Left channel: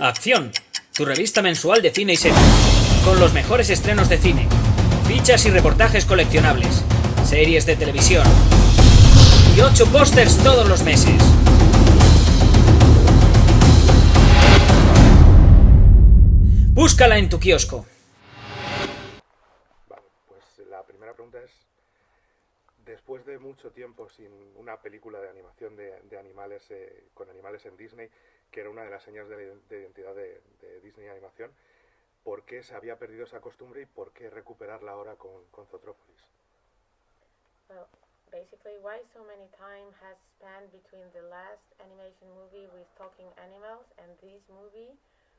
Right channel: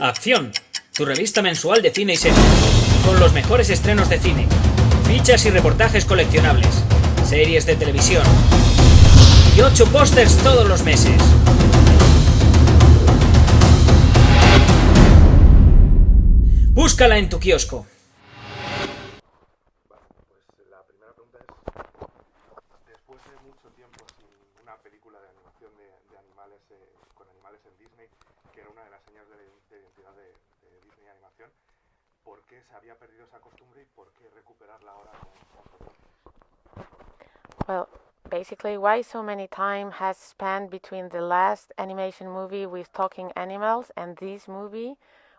Acción, tu revista mensual de cine y series, con los mejores estrenos de cine, fichas y reportajes coleccionables, series de televisión y 8 pósters todos los meses. Búscala en tu kiosco. Vale, pues la primera pregunta es, después de mucho tiempo sin una película de animación de animales, con animales en Disney, que era una de las señas de identidad de Disney Animación, ¿por qué se había perdido esa costumbre y por qué recuperarla ahora con Zootrópolis? Well, basically, why so many time has spanned between the last animation movie with talking animals and this movie?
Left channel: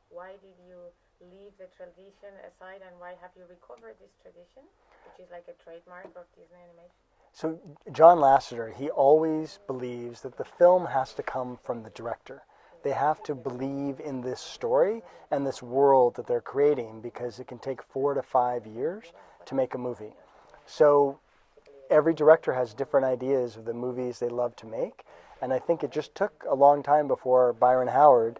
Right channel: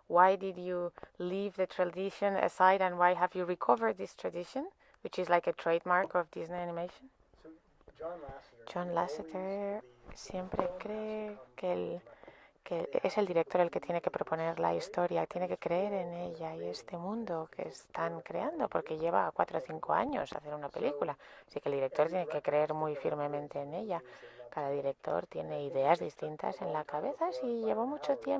Why did you leave the tradition aside, and why have you recovered this tradition, which is like a trademark of Disney animation? So John Lasseter, he always believes that the film has to come from the director. They have to believe in this story and this world that they're creating, because it can take 4 to 5 years to make a movie. So every director has different ideas of the movies they love to make, and I think it just took a long time before Byron Howard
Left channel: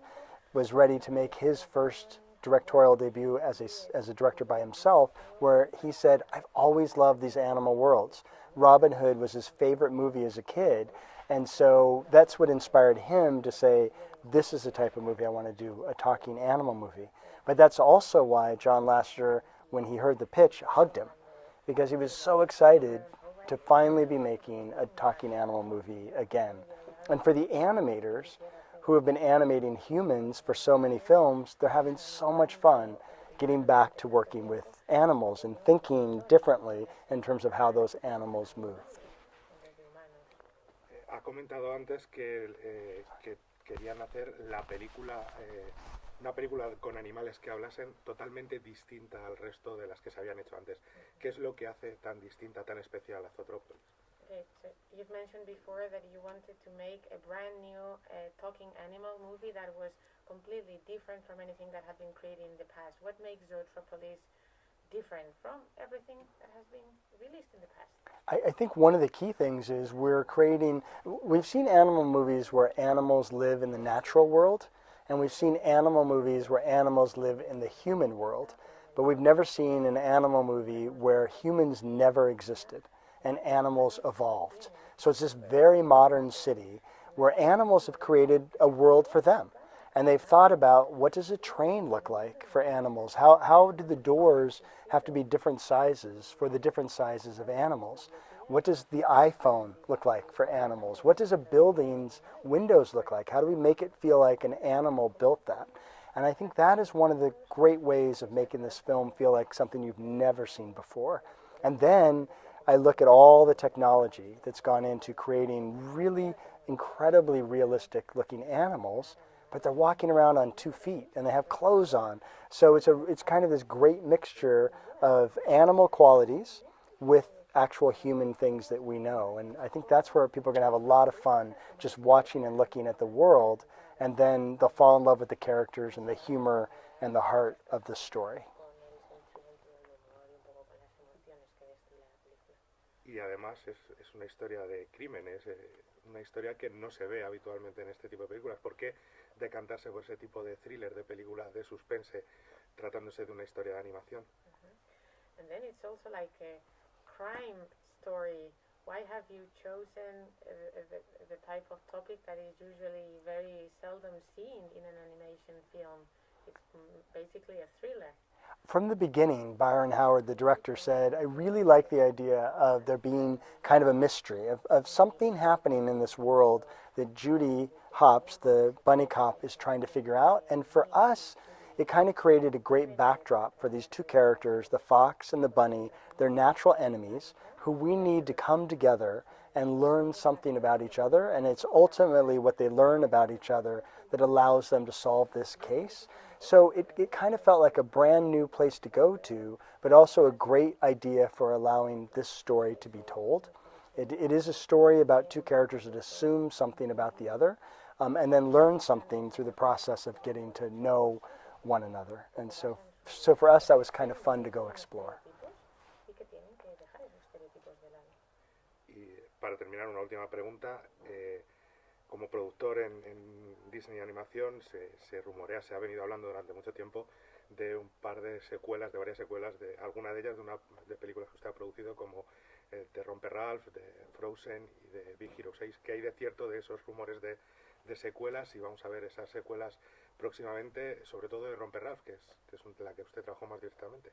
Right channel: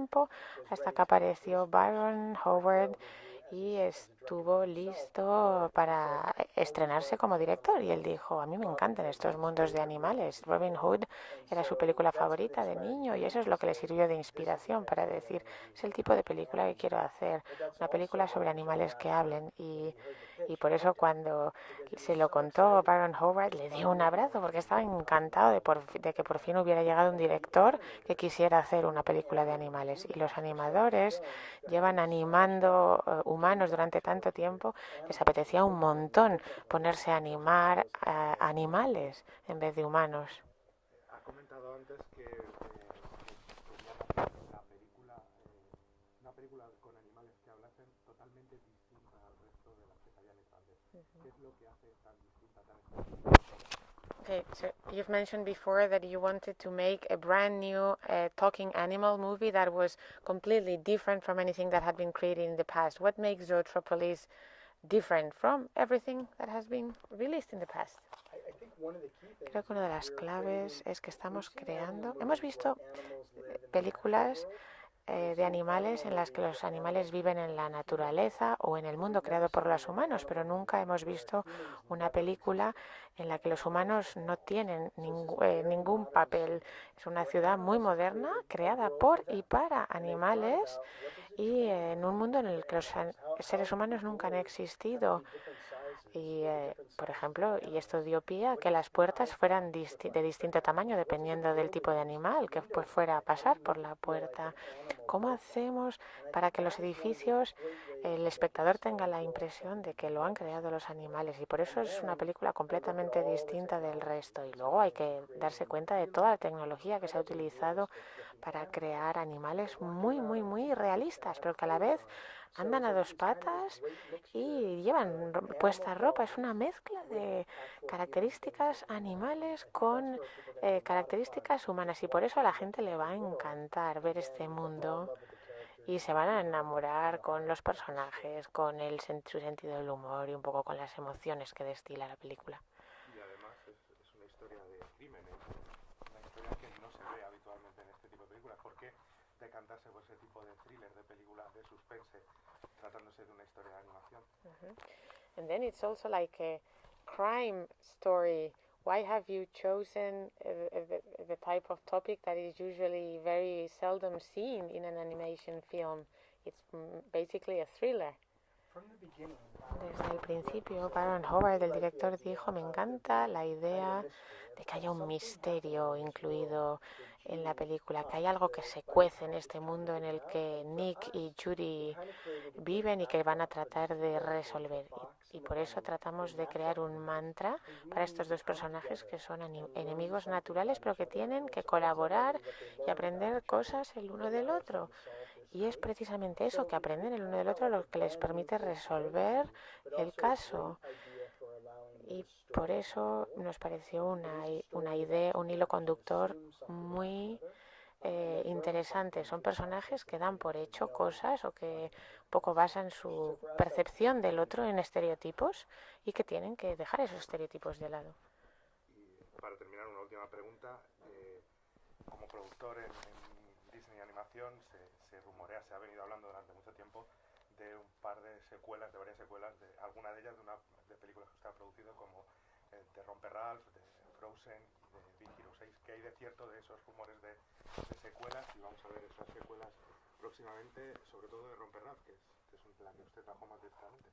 was ready to make his first directorial debut as a director by himself, where he said, I always loved these animal worlds. Robin Hood was his favorite movie as a kid, and so that's what inspired him to say, this is the type of movie I want to do, a talking animal movie. But that's also why John Lasseter, when he heard the pitch, hugged him, because he was so excited to finally be making a talking animal movie again. And for the animators who have been animating humans for so many films, they're having so much fun getting back to working with animals and thinking differently in terms of how those animals move. Ha comentado antes que querían hacer una película con animales que hablasen totalmente distinta al resto de las que se habían hecho antes. ¿Qué es lo que hace tan distinta, tan especial a Zootrópolis? Okay, so you've mentioned before that you wanted to make a brand new talking animal movie that was completely different from anything that had been created in the past. What makes Zootrópolis different from everything that has been released in the past? I think one of the key things is we've seen animal movies where animals live in the natural world, and we've seen animal movies where animals live in the human world, but we've never seen an animal movie where humans never existed and animals evolved. So it's this very modern city where animals have created a world for them, and they've thought about, what does a train look like for animals? How do the doors have to be different sizes for the different sizes of animals? What does the iPhone look like for animals? What does a building's windows look like? How do we make it feel like an animal built that? And I think that is one of the great ways of making this film feel like something you've never seen before. And then I look at all the technology that's gone into creating really incredibly realistic looking animals, but they're walking around on 2 feet and they have clothes on. So it's kind of this great mixture of animal qualities with actual human things that we know. And I think that's where people are going to have a lot of fun, just watching and looking at the world, and then they'll fall in love with the characters and the humor and the heart of the story. Y además es una historia de crímenes, una historia que no se ve habitualmente en este tipo de películas. ¿Por qué decantarse por ese tipo de thriller, de película de suspense, tratándose de una historia de animación? And then it's also like a crime story. Why have you chosen the type of topic that is usually very seldom seen in an animation film? It's basically a thriller. From the beginning, Byron Howard, the director, said, I really like the idea of there being kind of a mystery, of something happening in this world that Judy Hopps, the bunny cop, is trying to figure out. And for us, it kind of created a great backdrop for these two characters, the fox and the bunny. They're natural enemies who we need to come together and learn something about each other. And it's ultimately what they learn about each other that allows them to solve this case. So it kind of felt like a brand new place to go to, but also a great idea for allowing this story to be told. It is a story about two characters that assume something about the other, and then learn something through the process of getting to know one another. And so for us, that was kind of fun to go explore. Y que tienen que dejar esos estereotipos de lado. Y para terminar, una última pregunta. como productor en Disney Animación se rumorea, se ha venido hablando durante mucho tiempo de un par de secuelas, de varias secuelas, de alguna de ellas de películas que usted ha producido, como de Rompe Ralph, de Frozen y de Big Hero 6. ¿Qué hay de cierto de esos rumores de secuelas? Y vamos a ver esas secuelas próximamente, sobre todo de Rompe Ralph, que es la que usted trabajó más directamente.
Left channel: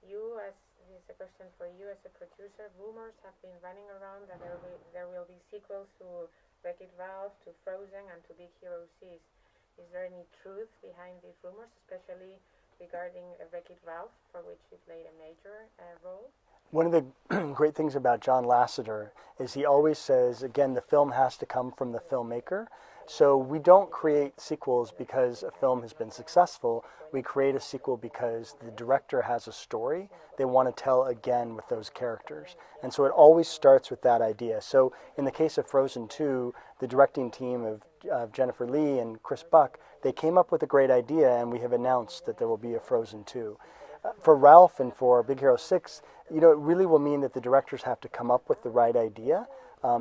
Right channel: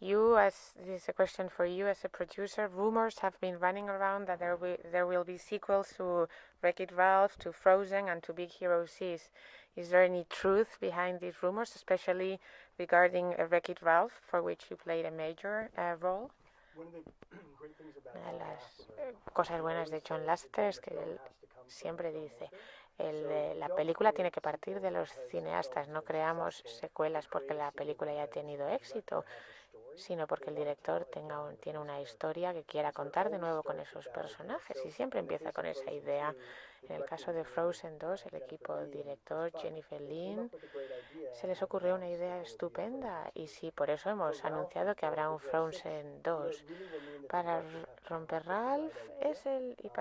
This is a question for you as a producer. Rumors have been running around that there will be sequels to Wreck-It Ralph, to Frozen, and to Big Hero 6. Is there any truth behind these rumors, especially regarding Wreck-It Ralph, for which you played a major role? One of the great things about John Lasseter is he always says, again, the film has to come from the filmmaker. So we don't create sequels because a film has been successful. We create a sequel because the director has a story they want to tell again with those characters. And so it always starts with that idea. So in the case of Frozen 2, the directing team of Jennifer Lee and Chris Buck, they came up with a great idea, and we have announced that there will be a Frozen 2. For Ralph and for Big Hero 6, it really will mean that the directors have to come up with the right idea.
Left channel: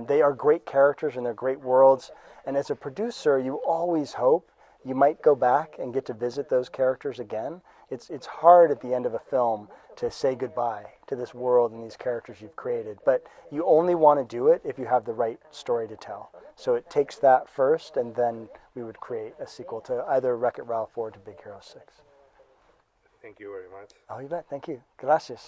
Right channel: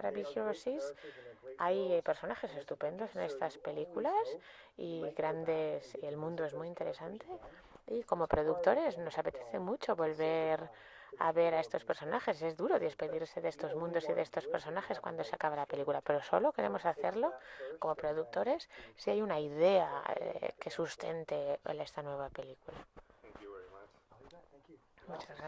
They are great characters and they're great worlds, and as a producer, you always hope you might go back and get to visit those characters again. It's hard at the end of a film to say goodbye to this world and these characters you've created, but you only want to do it if you have the right story to tell. So it takes that first, and then we would create a sequel to either Wreck-It Ralph or to Big Hero 6. Thank you very much. Oh, you bet. Thank you. Gracias.